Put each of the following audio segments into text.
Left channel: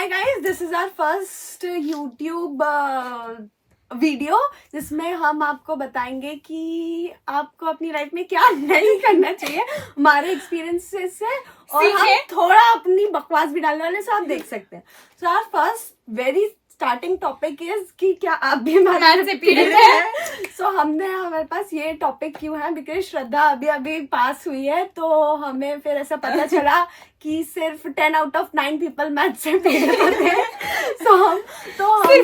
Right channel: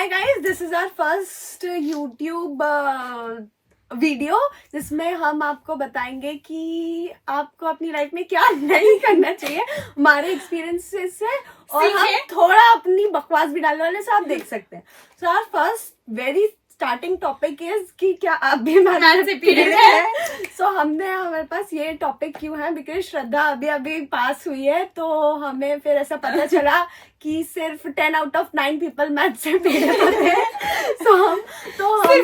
Hi guys, this is our first YouTube video जिसमें हम आपको बताएंगे कि आपको अपनी लाइफ में क्या नहीं करना चाहिए हमारे एक्सपीरियंसेस से, और हम थोड़ा अपनी बकवास भी डालने वाले, सो आप देख सकते हैं. So our first very starting topic is कि क्या आप भी हमारे से पीड़ित है. सो हमारे पास ये टॉपिक क्यों है, बिकॉज श्रद्धा अभी पास हुई है, तो हमें फिर ऐसा पता चला कि सिर्फ 10 out of 9 पीपल मैथ से पीड़ित होते हैं. तो हम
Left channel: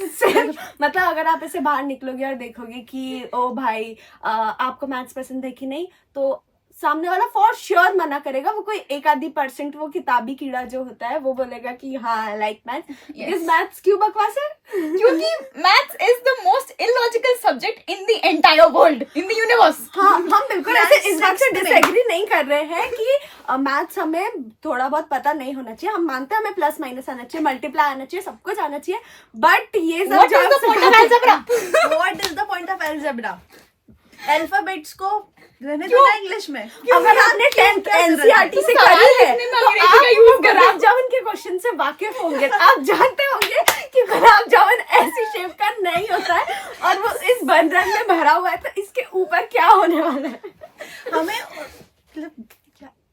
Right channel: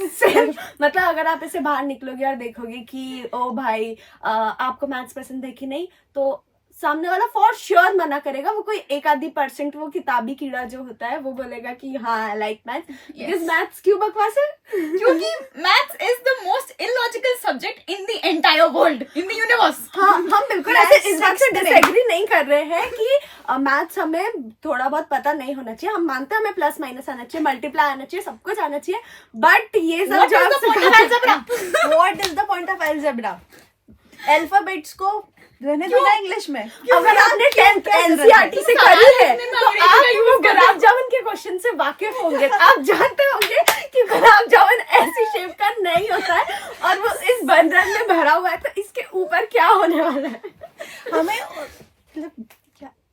सिर्फ मतलब अगर आप ऐसे बाहर निकलोगे और देखोगे कि ओ भाई आपको मैथ्स पसंद है कि नहीं, तो सामने वाला फॉर श्योर मना करेगा. वो कोई 1-2% वो किताबी कीड़ा जो होता है वो बोलेगा कि हाँ लाइक मैथ्स. बिकॉज मैथ्स क्यों बकवास है? क्योंकि maths is the most illogical subject in the entire world, in the universe. हाँ, हम बिल्कुल ऐसे इस बात से डिसएग्री नहीं कर रहे हैं कि मैथ्स हमें थोड़ा बहुत पता नहीं होना चाहिए. हम मानते हैं हमें प्लस माइनस आना चाहिए, मल्टीप्लाई आना चाहिए, सब कुछ आना चाहिए. बट ये सब what is the point of algebra? Alphabets को रहने दो इंग्लिश में. अगर आपने 10th NCERT से करी है तो आप वो गुलाब जामुन के क्वेश्चन से वाकिफ होंगे. आप जानते होंगे कि गुलाब जामुन ऐसी शेप का नहीं होता है और वो इस बंधन में भरा हुआ है, तो इसके ऊपर क्या होने वाला है. हमें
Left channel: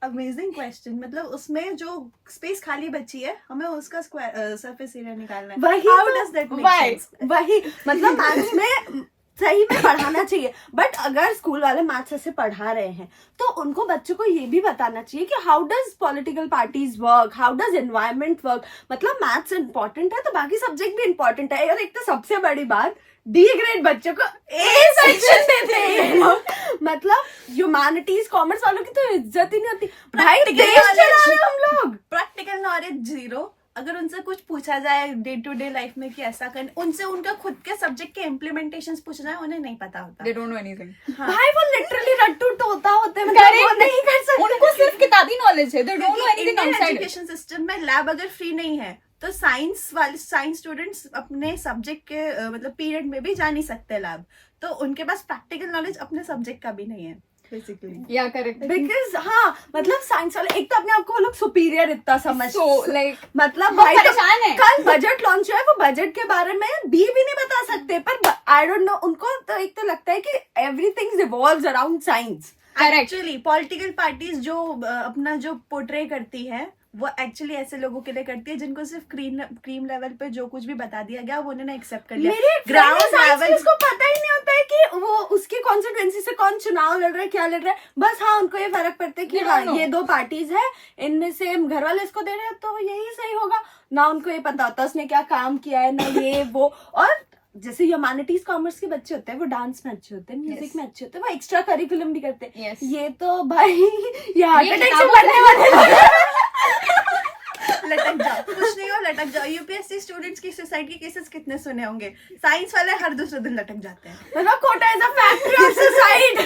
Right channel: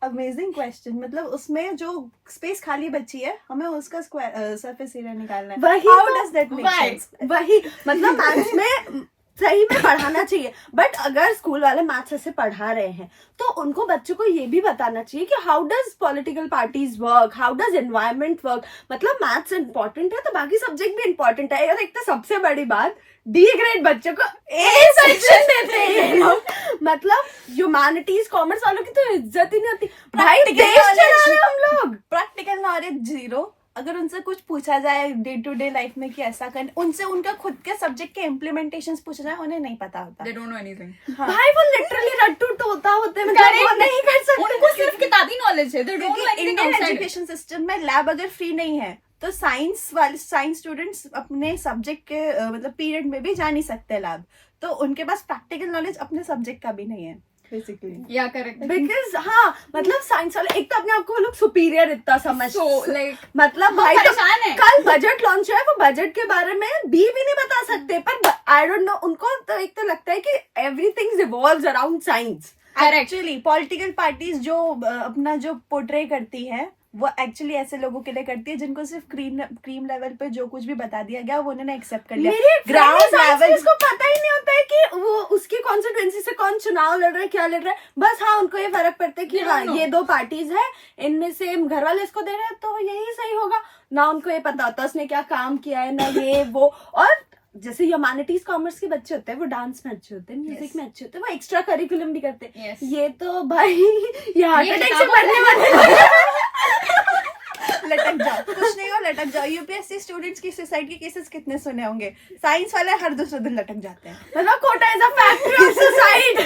अमेजिंग क्वेश्चन, मतलब उसमें जो स्पेस खाली बची है हमें उसका सरफेस एरिया निकालना है. How does that make sense? वही मतलब मैथ्स में सही में पढ़ाना चाहिए, बट अगर स्कूल वाले मैथ्स ऐसे पढ़ा रहे हैं तो उनको बच्चों को ये भी बताना चाहिए कि how does political parties work, how does environment work. मतलब मैथ्स इंपॉर्टेंट है तो बाकी सब्जेक्ट भी इंपॉर्टेंट है. और एक तो सबसे बड़ी बात, डी ग्रेड बच्चों को ए सेक्शन देते हैं ये लोग. मतलब ह्यूमैनिटीज कॉमर्स वालों की तो इज्जत ही नहीं होती. भाई देश चला रहे हम लोग. Practical knowledge zero. अगर उनसे कुछ पूछा जाए डे टू डे लाइफ में कि ऐसा कर, उनसे उनका खुद के सब्जेक्ट के इम्प्लीमेंटेशंस पूछना है, उन्हें नहीं पता होता. They don't know anything. भाई वो लिटरली रट्टू टोता होते हैं, मतलब वो नहीं कर सकते. उनको सिर्फ किताबी नॉलेज है. They don't know anything Indian outside. Education system में लैब अगर फ्री नहीं है तो साइंस स्टूडेंट्स अपने सब्जेक्ट के मतलब पीरियड में भी जा नहीं सकते लैब. तो उनके पास प्रैक्टिकल नॉलेज अपने सब्जेक्ट का भी नहीं है बेसिकली. Yeah, correct. बिकॉज हाँ मतलब साइंस वाले एक तो अपने आप को वो लोग सुपीरियर इतना समझते. So like मतलब भाई तो परेशान है. कल बजट लॉन्च हुआ है, वो बजट के बारे में भी नहीं बता सकते. पर आई डोंट नो, उनको तो एक तो लगता है कि everything revolves around science. Actually political parties जो अपना जो पोर्ट्रे करती है वो एक्चुअली ऐसे लोगों के लिए करती है जिनको सिर्फ क्रीम लेवल पे जो कुछ भी बता दिया गया वो उन्होंने एक्सेप्ट कर लिया. मेरे ग्राउंड लेवल उसको पता ही नहीं होता है कि वो उसकी कॉन्स्टिट्यूएंसी से कौन चुनाव लड़ रहा है, क्या लड़ रहा है. बस हाँ उनको ये फर्क पड़ता है कि हाँ ये 2 पार्टीज है, इनमें से घर वाले इसको दे रहे हैं तो यही सही होगा. ना उनको ये पता होता उसने क्या काम किया है, ना ये वो. और जैसे ह्यूमैनिटीज कॉमर्स के बच्चे होते हैं वो डांस में अच्छे होते हैं, म्यूजिक में अच्छे होते हैं, वो एक्स्ट्रा करिकुलम भी करते हैं. ये तो भाई ये हार्ट अटैक से मरने वाले लटक जाओ. कुछ नहीं हो, लटक जाओ. यूपीएससी स्टूडेंट्स की सुसाइड के केसेस कितने सुने होंगे. साइंस वाले हर दूसरे दिन लटक जाते हैं. मतलब Kota is a factory of suicide.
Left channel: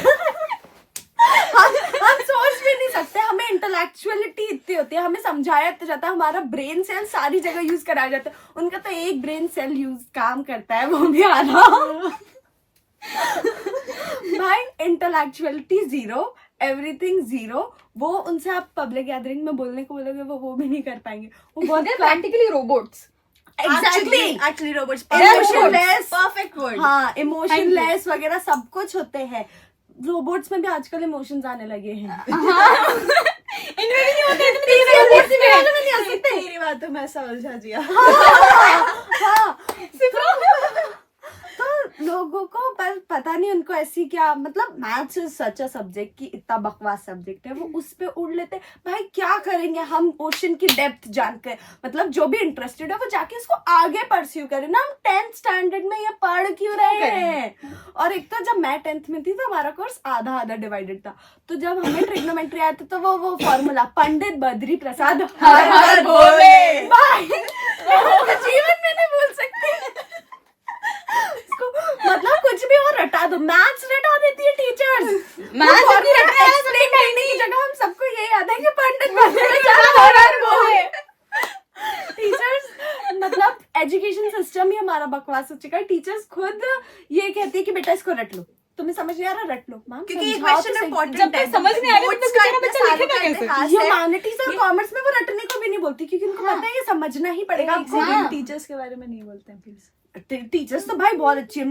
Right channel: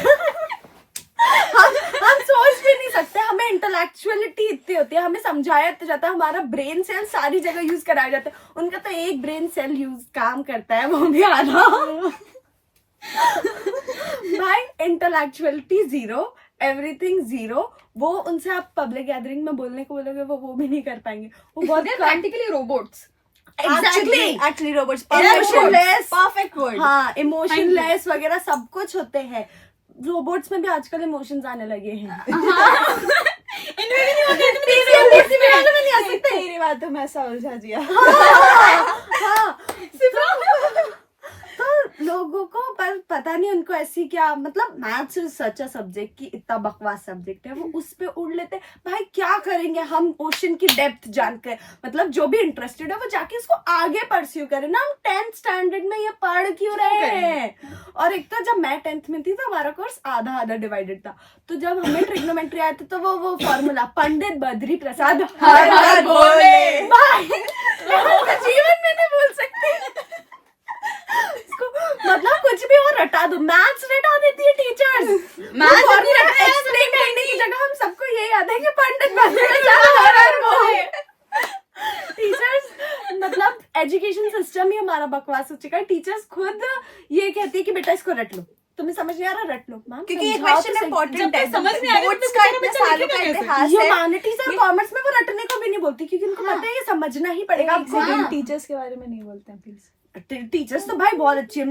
हम सोच भी नहीं सकते. हमें इंटेलेक्चुअलिटी इतनी होती है, हमें समझाया जाता है, हमारा ब्रेन सेल सारी जगह यूज कराया जाता है. उनका तो एक ब्रेन सेल यूज काम करता है, वो भी आना. भाई इंटेलेक्चुअलिटी जीरो, एवरीथिंग जीरो. वो उनसे आप पब्लिक गैदरिंग में बोलने को बोलोगे वो भी नहीं कर पाएंगे. वो बहुत practically robots. Actually robots. Emotionless, Perfect word. हाँ इमोशनलेस वगैरह सब कुछ होते हैं. रोबोट्स में भी आजकल इमोशंस आने लगे हैं. इनमें भी नहीं होते. तेरी बात तो मैं समझा दिया. हाँ तो लोगों को पर पता नहीं उनको ऐसी क्या, मतलब maths is such a subject कि इतना बकवास सब्जेक्ट है, वो उस पे उड़ लेते. भाई क्या करेंगे हम ओशन की डेप्थ जानकर. मतलब जो भी इंटरेस्टेड है वो जाके इसको आगे परस्यू करे ना. हम 10th स्टैंडर्ड में ये पढ़ क्यों रहे हैं. और एक तो जब मैं 10th में थी तो हमारा कोर्स आधा डिवाइडेड था. तो जब हमें ट्रिग्नोमेट्री आया था तो वो फॉर्मूला पंडित बद्री प्रसाद हर हर बोले. भाई जीवन में नहीं बोल सकती. मतलब कुछ भी हो रटा दो. मैथ्स रटा देती है टीचर्स. एक्सप्लेन करने की जगह हम सबको ये याद है कि पंडित टीचर्स. मतलब एजुकेशन सिस्टम ही हमारा बकवास हो चुका है. टीचर्स खुद ये कहती है कि बेटा इसको रट लो. तुम्हें समझ नहीं आ रहा, रट लो मैम. क्योंकि ये क्वेश्चन इंपॉर्टेंट है. समझ नहीं आ रहा ह्यूमैनिटीज और कॉमर्स में वो रटने को भी नहीं बोलती क्योंकि उनको पता है ये समझना ही पड़ेगा आपको। हाँ। टीचर्स के बारे में नहीं बोलते हैं प्लीज। टीचर्स तो भाई बहुत अच्छी है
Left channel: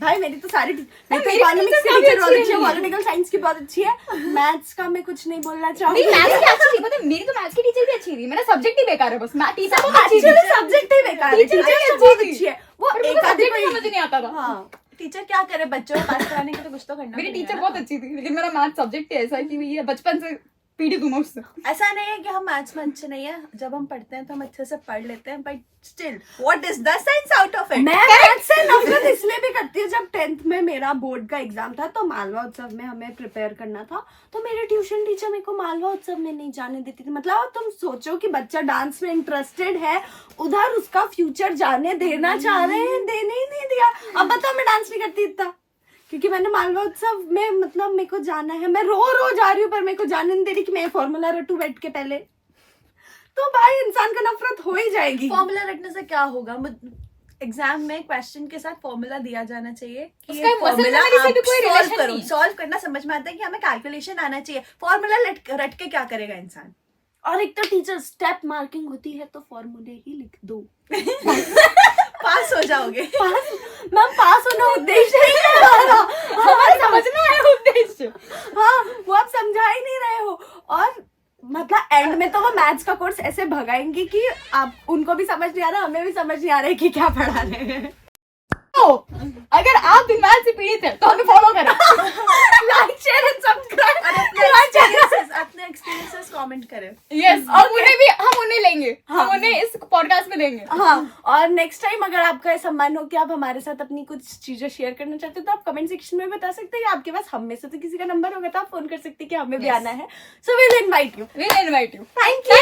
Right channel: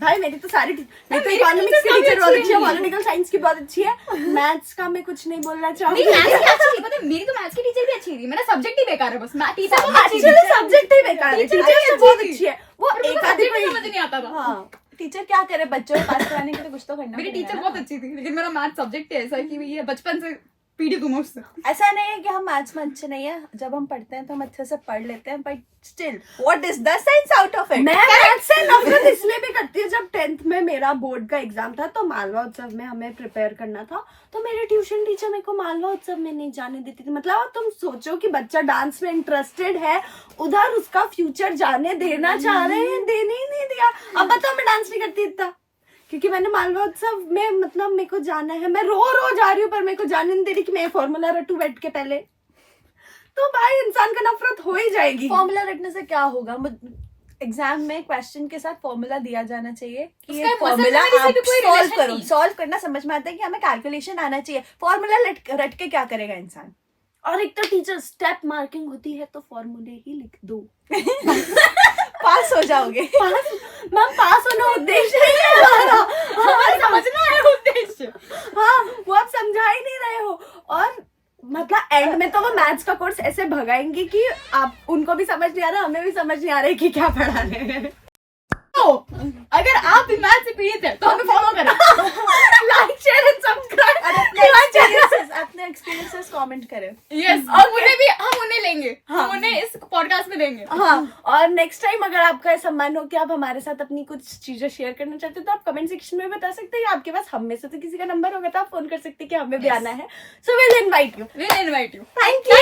भाई, मेरी तो सारी मेरी तो इकोनॉमिक्स की टीचर बहुत अच्छी है, पॉलिटिकल साइंस की बहुत अच्छी है, मैथ्स का मैं कुछ नहीं बोलना चाहूंगी। नहीं, मैथ्स की अच्छी थी, पता है, मेरी तो मैथ्स की टीचर भी अच्छी थी, मेरा सब्जेक्ट ही बेकार है बस। मैथ टीचर बहुत अच्छी थी, एक्चुअली सब्जेक्ट ही बेकार है, टीचर टीचर अच्छी तो बहुत थी। अच्छी है, वो पर एक मुझे आधी subject ही कोई समझ नहीं आता था। हाँ टीचर क्या करे, बच्चों को पास कराने के लिए कुछ तो करना मेरी पड़ेगा टीचर ना। बहुत अच्छी थी, लेकिन मेरा मैथ सब्जेक्ट ही ऐसा है कि ये बचपन से पीड़ित हूँ मैं उससे। ऐसा नहीं है कि हम मैथ्स में अच्छे नहीं है, जब हम पढ़ते हैं तो हम अच्छे से पढ़ लेते हैं, but still what is the science out of it. मैं मैथ्स से नफरत इसलिए भी करती हूँ, जब 10th में मेरा बोर्ड का एग्जाम था तो मालवा उत्सव में हमें प्रिपेयर करना था, तो मेरे ट्यूशन टीचर मेरे को मालवा उत्सव में नहीं जाने देती थी। मतलब तुम सोचो कि बच्चा डांस में इंटरेस्टेड है, उधर उसका फ्यूचर जाने देना चाह रहे हैं, देने ही नहीं दिया। अब बताओ मैं डांस नहीं करती इतना, क्योंकि मैंने मालवा उत्सव में मतलब मेरे को जाना है, मैं रो जा रही हूँ पर मेरे को जाने नहीं दे रही कि मैं फॉर्मूला रटू बैठ के पहले, तो भाई इंसान का नफरत हो ही जाएगी। फॉर्मूला रटने से क्या होगा? एग्जाम में क्वेश्चन के साथ फॉर्मूला दिया जाना चाहिए कि उसका ये muscle फॉर्मूला memory से आप भी कोई सॉल्व relation करो। नहीं। सॉल्व करना समझ में आता है कि हमें कैलकुलेशन आना चाहिए, फॉर्मूला रट के क्या करेगा इंसान? और एक तो टीचर स्टेप मार्किंग होती है तो फॉर्मूले ही लिख दो, पास हो जाओगे। पास मैम, पास होना उद्देश्य नहीं है हमारा, हमारे पास समझना है उद्देश्य। हाँ वो आप समझा ही नहीं रहे हो। और मतलब एंड में तो वो मैथ्स का कोर्स ऐसे भगाएंगे कि आप उनको भी समझ नहीं आ रहा, हमें भी समझ नहीं आ रहा है कि क्या पढ़ा रहे हैं। तो अगर आप भी मैथ से पीड़ित है तो हमें फॉलो करें। Like share and subscribe. अपने एक्सपीरियंसेस कमेंट करें। यस, और उन्हें भी हम उन्हें लेंगे, हम उन्हें इस पॉडकास्ट में लेंगे। हाँ, और नेक्स्ट टाइम अगर आपका ऐसा मन हो कि आप हमारे साथ अपनी कुछ चीजें शेयर करना चाहते हो तो आप कमेंट सेक्शन में बता सकते हैं, या आपके पास हम में से तो किसी का नंबर होगा तो आप फोन कर सकते हैं कि हमें भी आना है। So will invite you. We'll invite you. Thank you.